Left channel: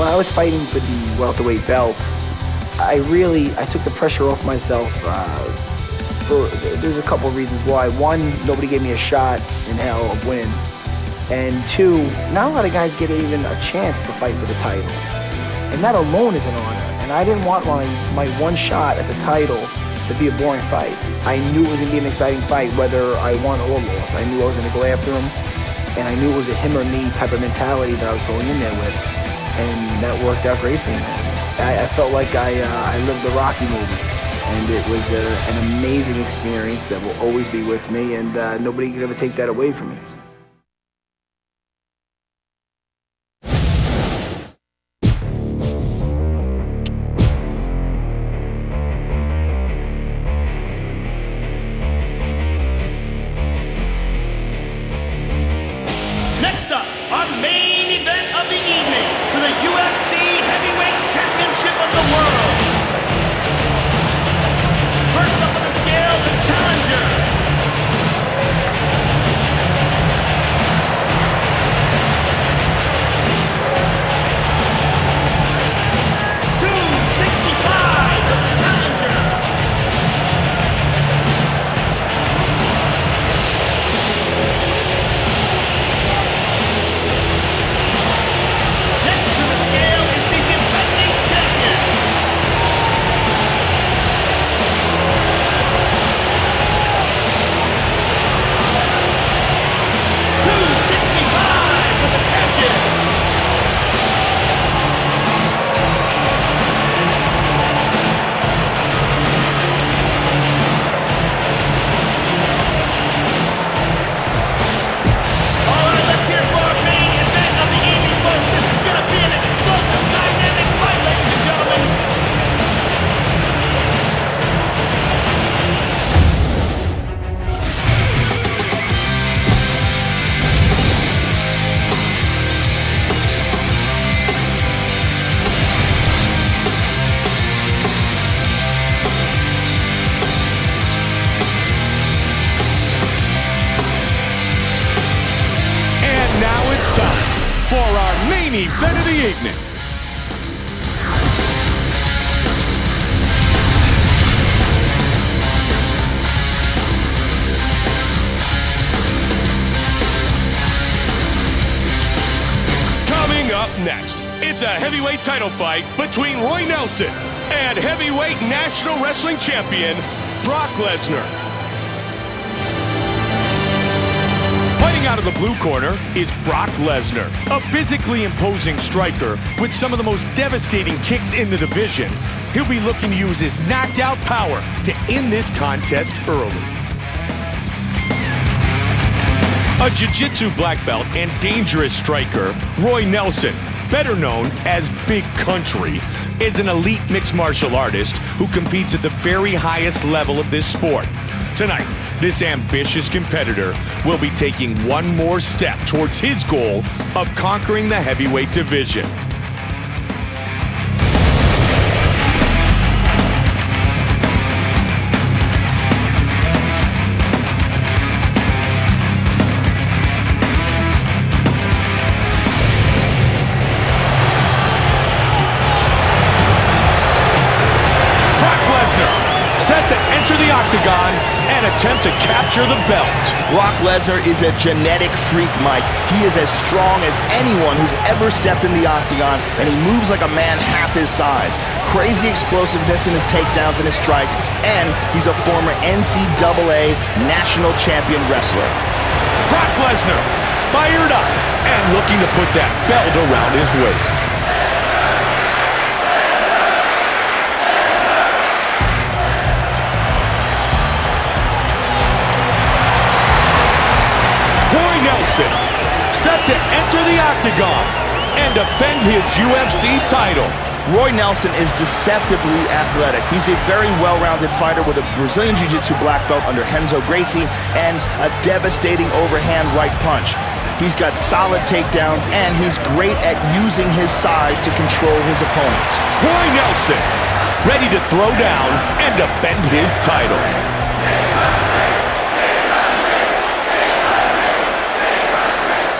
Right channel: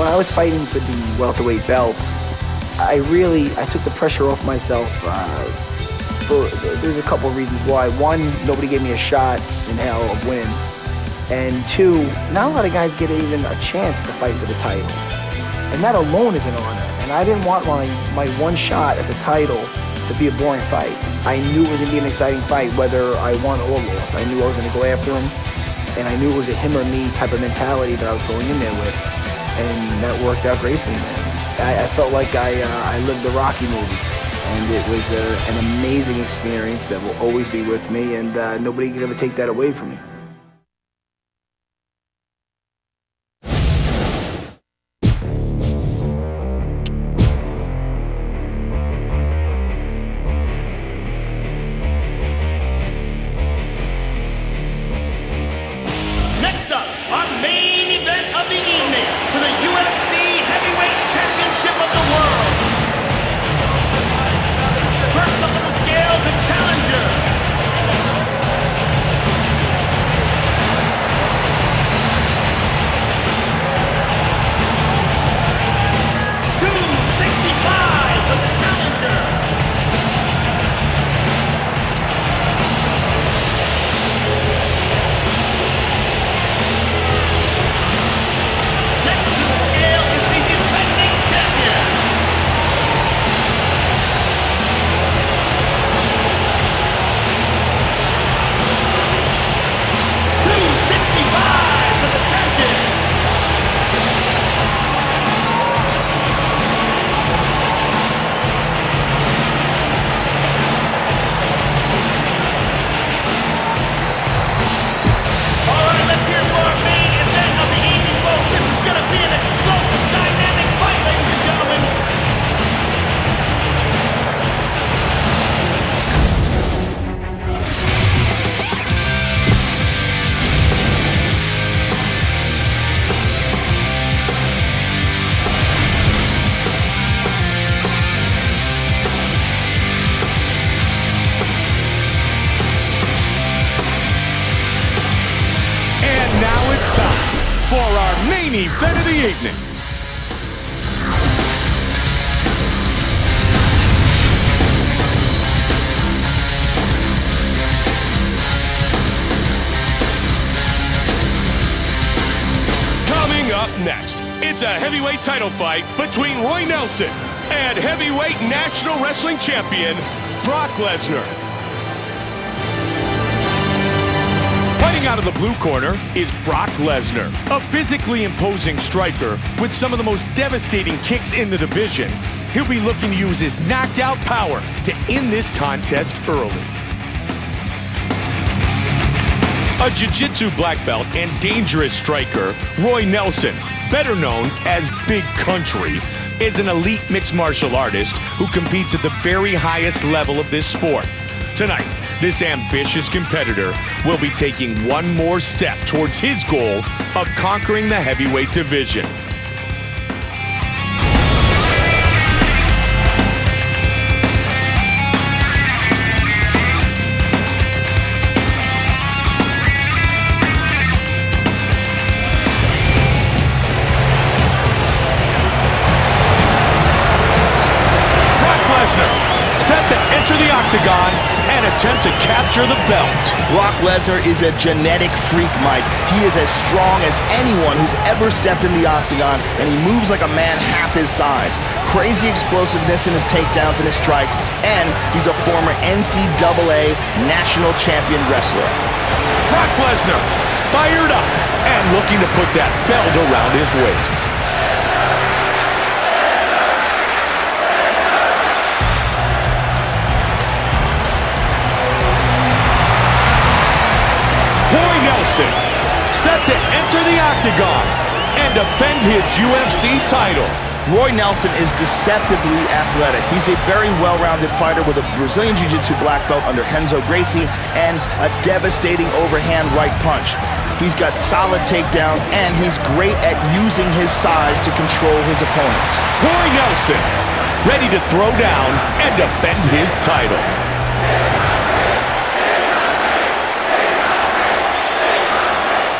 When I was fighting for the welterweight belt, I took the pressure off myself. There's a couple of reasons why. One, nobody gave me a shot in hell of winning. And two, not a lot of guys get even a chance to fight for the title. And that alone is an honor. And I didn't want my one shot at the title to be a boring fight. I knew it was gonna be an exciting fight, whether I won or lost. I knew I was gonna go after him, and I knew it was a him or me type of mentality that I was going in there with. And that worked out great for me, man. I felt like I lived the Rocky movie. And it was an amazing experience that will always be with me, and nobody can ever take that away from me. Next up, our main event of the evening for the UFC Heavyweight Championship of the World. First up on the scale, the challenger. $265 for the challenger. Next to the scale is the defending champion. $265 for the champion. All right, let's hear for our main event of the evening, folks. This is going to be an explosive, dynamic fight, ladies and gentlemen. Now it's time for our main event of the evening. Coming up next, it's a heavyweight title fight between Roy Nelson and heavyweight national wrestling champion Brock Lesnar. Fighting out of the blue corner is Brock Lesnar, a physically imposing striker with some of the most devastating kicks in the division. He'll be looking to use his knockout power to end this contest early. A jiu-jitsu black belt and dangerous striker, Roy Nelson, better known as Big Country, is an elite mixed martial artist who competes at the very highest level of this sport. Tonight, this ambitious competitor will be taking one more step towards his goal of conquering the heavyweight division. Brock Lesnar, set to enter the octagon and attempt to capture the belt. Brock Lesnar is a genetic freak, Mike. He is as strong as anyone who's ever stepped in the octagon, and he moves like a man half his size. Crazy explosiveness in his takedowns and his strikes, and he's a former NCAA national champion wrestler. Brock Lesnar, fired up and looking to put that belt around his waist. Roy Nelson, set to enter the octagon and defend his UFC title. Roy Nelson is deceptively athletic. He's a very well-rounded fighter with a Brazilian Jiu-Jitsu black belt under Renzo Gracie and a devastating overhand right punch. He's got solid takedowns, and he's great at using his size to control his opponents. Roy Nelson, ready to throw down and defend his title.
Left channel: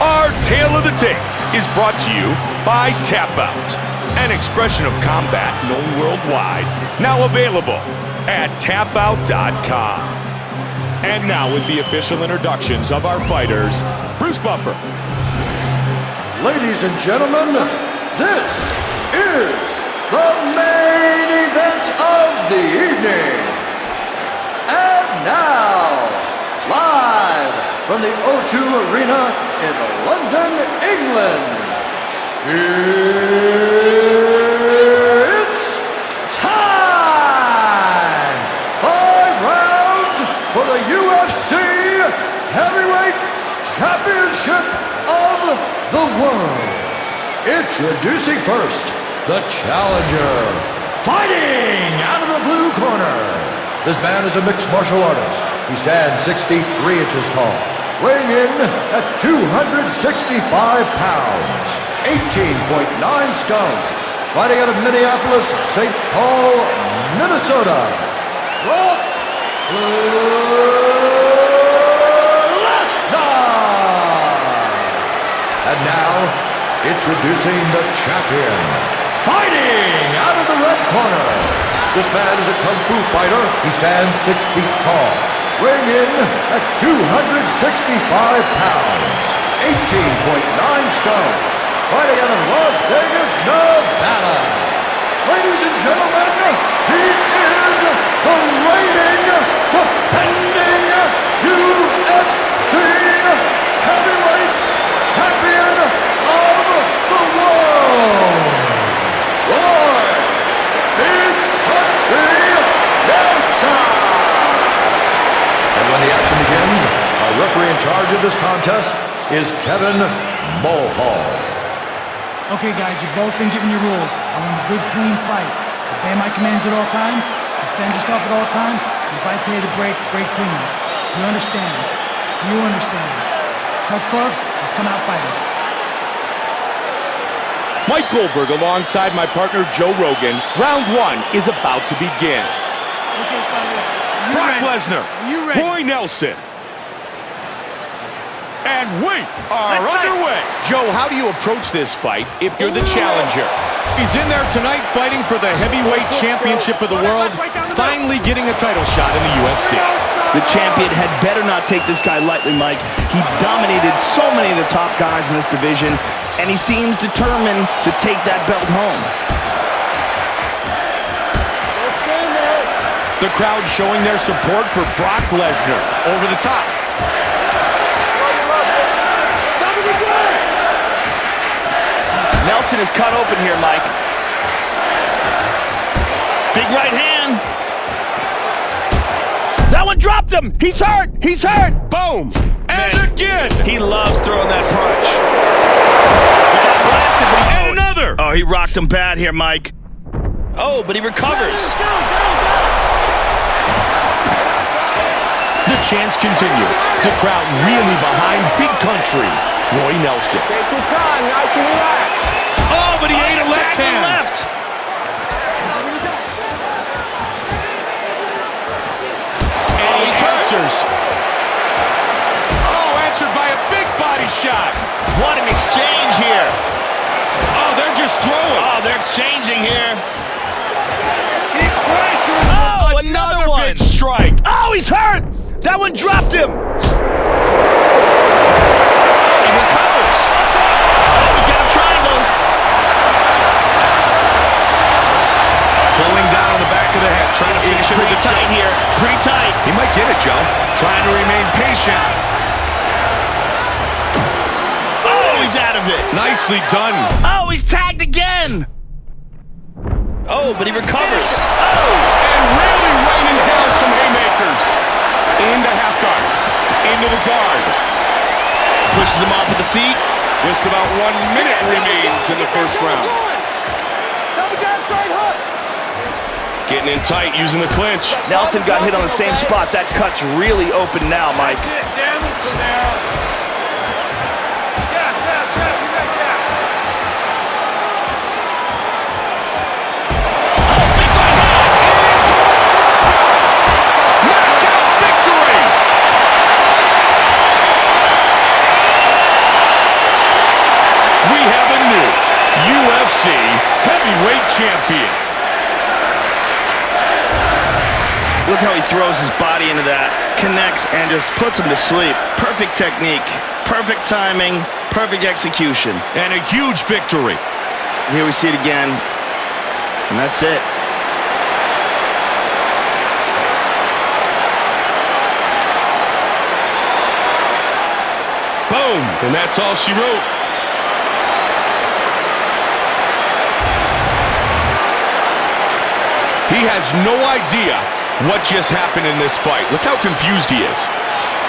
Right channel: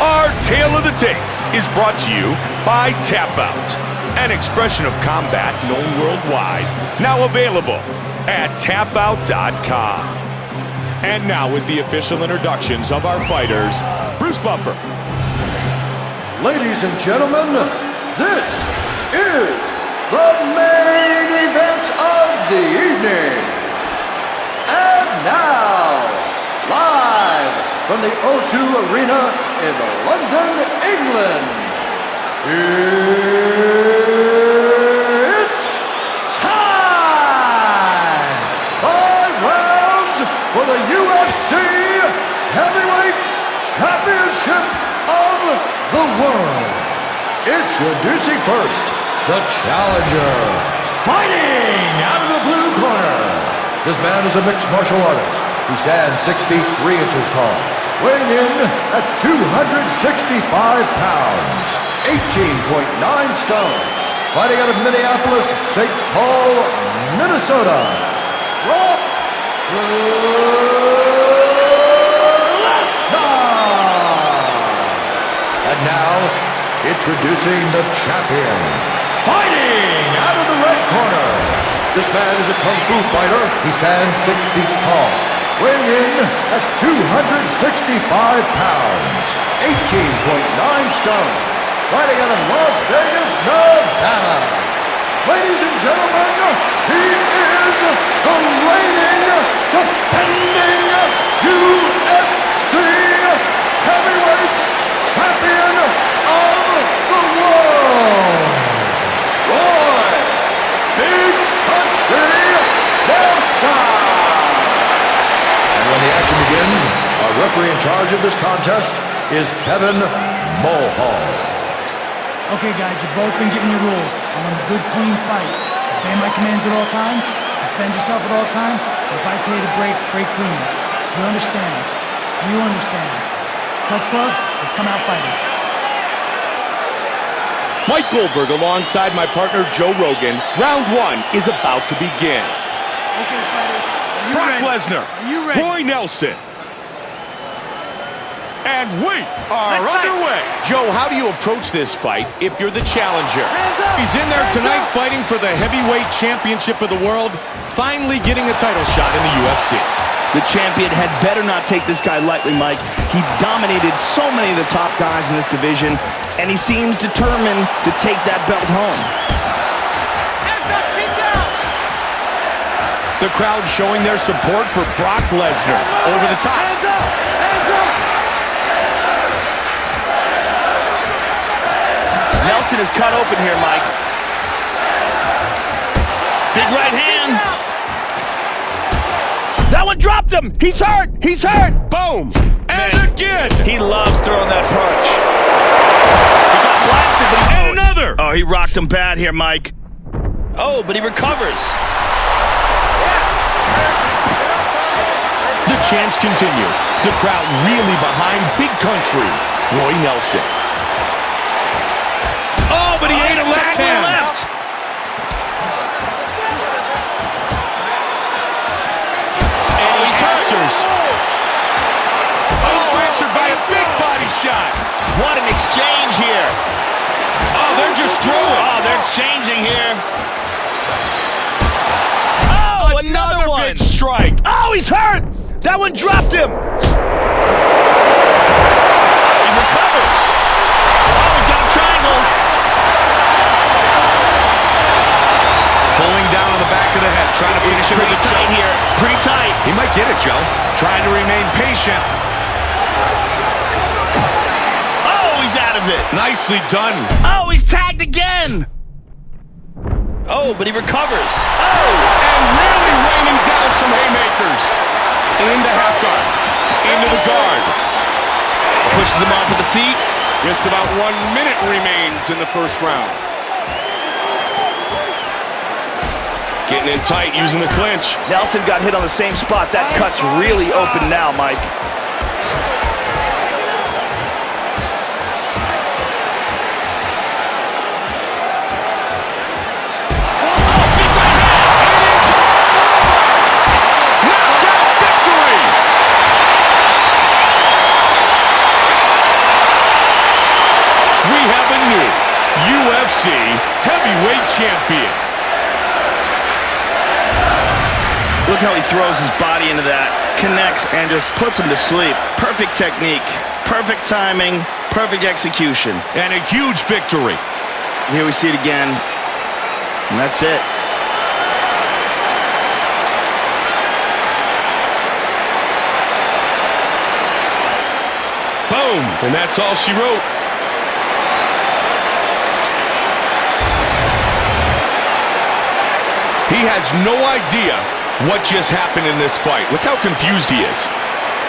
Our tale of the tape is brought to you by Tap Out, an expression of combat known worldwide, now available at tapout.com. And now with the official introductions of our fighters, Bruce Buffer. Ladies and gentlemen, this is the main event of the evening. And now, live from the O2 Arena in London, England, it's time! 5 rounds for the UFC Heavyweight Championship of the world. Introducing first, the challenger, fighting out of the blue corner. This man is a mixed martial artist. He stands 6 feet 3 inches tall, weighing in at 265 pounds, 18.9 stone. Fighting out of Minneapolis, St. Paul, Minnesota, Brock Lesnar. And now, introducing the champion, fighting out of the red corner. This man is a kung fu fighter. He stands 6 feet tall, weighing in at 265 pounds, 18.9 stone. Fighting out of Las Vegas, Nevada. Ladies and gentlemen, he is the reigning, defending UFC Heavyweight Champion of the world, Roy Big Country Nelson. And when the action begins, our referee in charge of this contest is Kevin Mulhall. Okay, guys, you've both been given your rules. I want a good, clean fight. Obey my commands at all times. Defend yourself at all times. If I tell you to break, break clean. Do you understand? Do you understand? Touch gloves. Let's come out fighting. Mike Goldberg alongside my partner Joe Rogan. Round 1 is about to begin. Okay, fighters. Are you Brock ready? Lesnar, Are you ready? Roy Nelson. And we are Let's fight. underway. Joe, how do you approach this fight if you're the challenger? He's in there tonight fighting for the heavyweight championship of the world, finally getting a title shot in the UFC. The champion had better not take this guy lightly, Mike. He dominated so many of the top guys in this division, and he seems determined to take that belt home. The crowd showing their support for Brock Lesnar. Over the top. Nelson is cut open here, Mike. Big right hand. That one dropped him. He's hurt. He's hurt. Boom. And Man, again. He loves throwing that punch. He got blasted, but he... And another. Oh, he rocked him bad here, Mike. Oh, but he recovers. The chants continue. The crowd really behind Big Country, Roy Nelson. Oh, but he ate a left hand. Left. And he answers. Oh, answered by a big body shot. What an exchange here. Oh, they're just throwing. Oh, they're exchanging here. Oh, another one. Big strike. Oh, he's hurt. That one dropped him. Oh, he recovers. Oh, he's got a triangle. Pulling down on the back of the head, trying to finish it with the tight choke. here. Pretty tight. He might get it, Joe. Trying to remain patient. Oh, he's out of it. Nicely done. Oh, he's tagged again. Oh, but he recovers. Oh. And really raining down some haymakers. Into half guard. Into the guard. Pushes him off with the feet. Just about 1 minute remains in the first round. Getting in tight, using the clinch. Nelson got hit on the same spot. That cut's really open now, Mike. Oh, big right hand. It is all over. Knockout victory. We have a new UFC heavyweight champion. Look how he throws his body into that, connects, and just puts him to sleep. Perfect technique, perfect timing, perfect execution. And a huge victory. Here we see it again, and that's it. Boom, and that's all she wrote. He has no idea what just happened in this fight. Look how confused he is.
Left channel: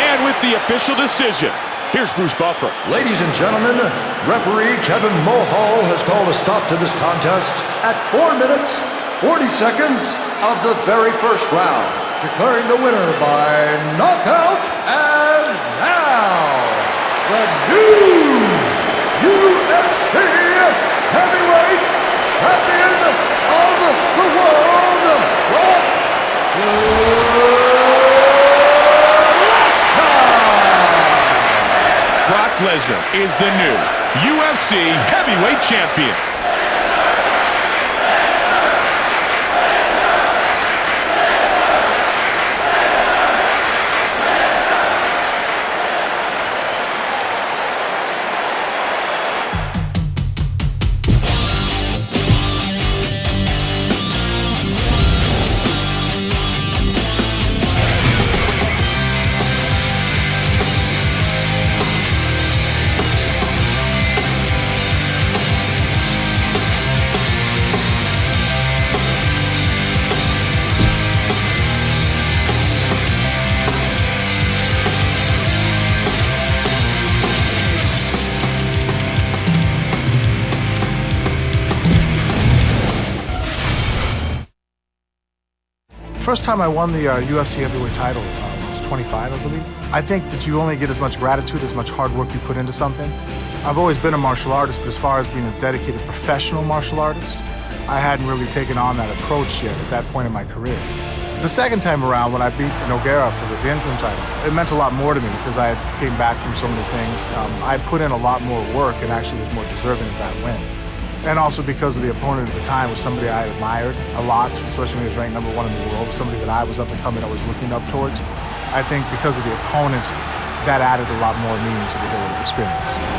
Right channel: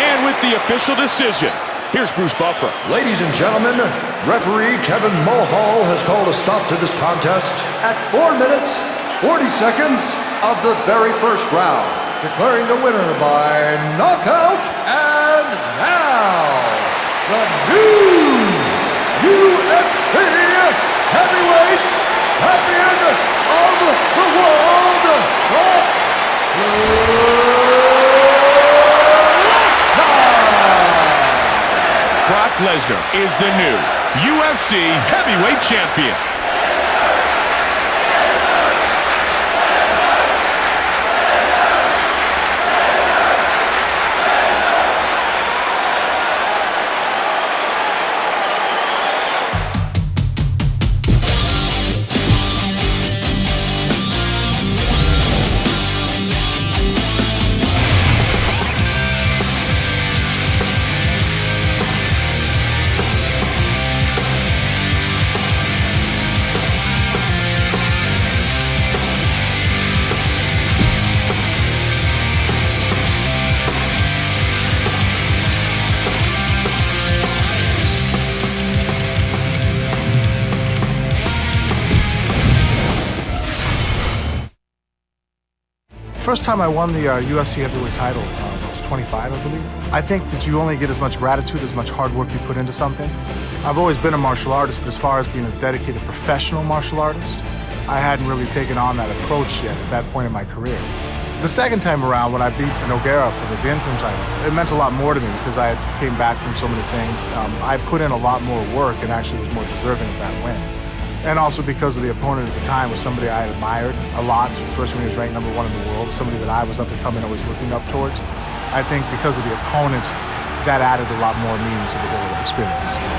And with the official decision, here's Bruce Buffer. Ladies and gentlemen, referee Kevin Mulhall has called a stop to this contest at 4 minutes, 40 seconds of the very first round, declaring the winner by knockout. And now, the new UFC heavyweight champion of the world, Brock Lesnar. Brock Lesnar is the new UFC heavyweight champion. First time I won the UFC heavyweight title was 25, I believe. I think that you only get as much gratitude as much hard work you put into something. I've always been a martial artist, but as far as being a dedicated professional martial artist, I hadn't really taken on that approach yet at that point in my career. The second time around, when I beat Nogueira for the interim title, it meant a lot more to me because I came back from so many things. I put in a lot more work and actually was more deserving of that win. And also because of the opponent at the time was somebody I admired a lot, especially when he was ranked #1 in the world, was somebody that I was up and coming, always looking up towards. I think because of the opponent, that added a lot more meaning to the whole experience.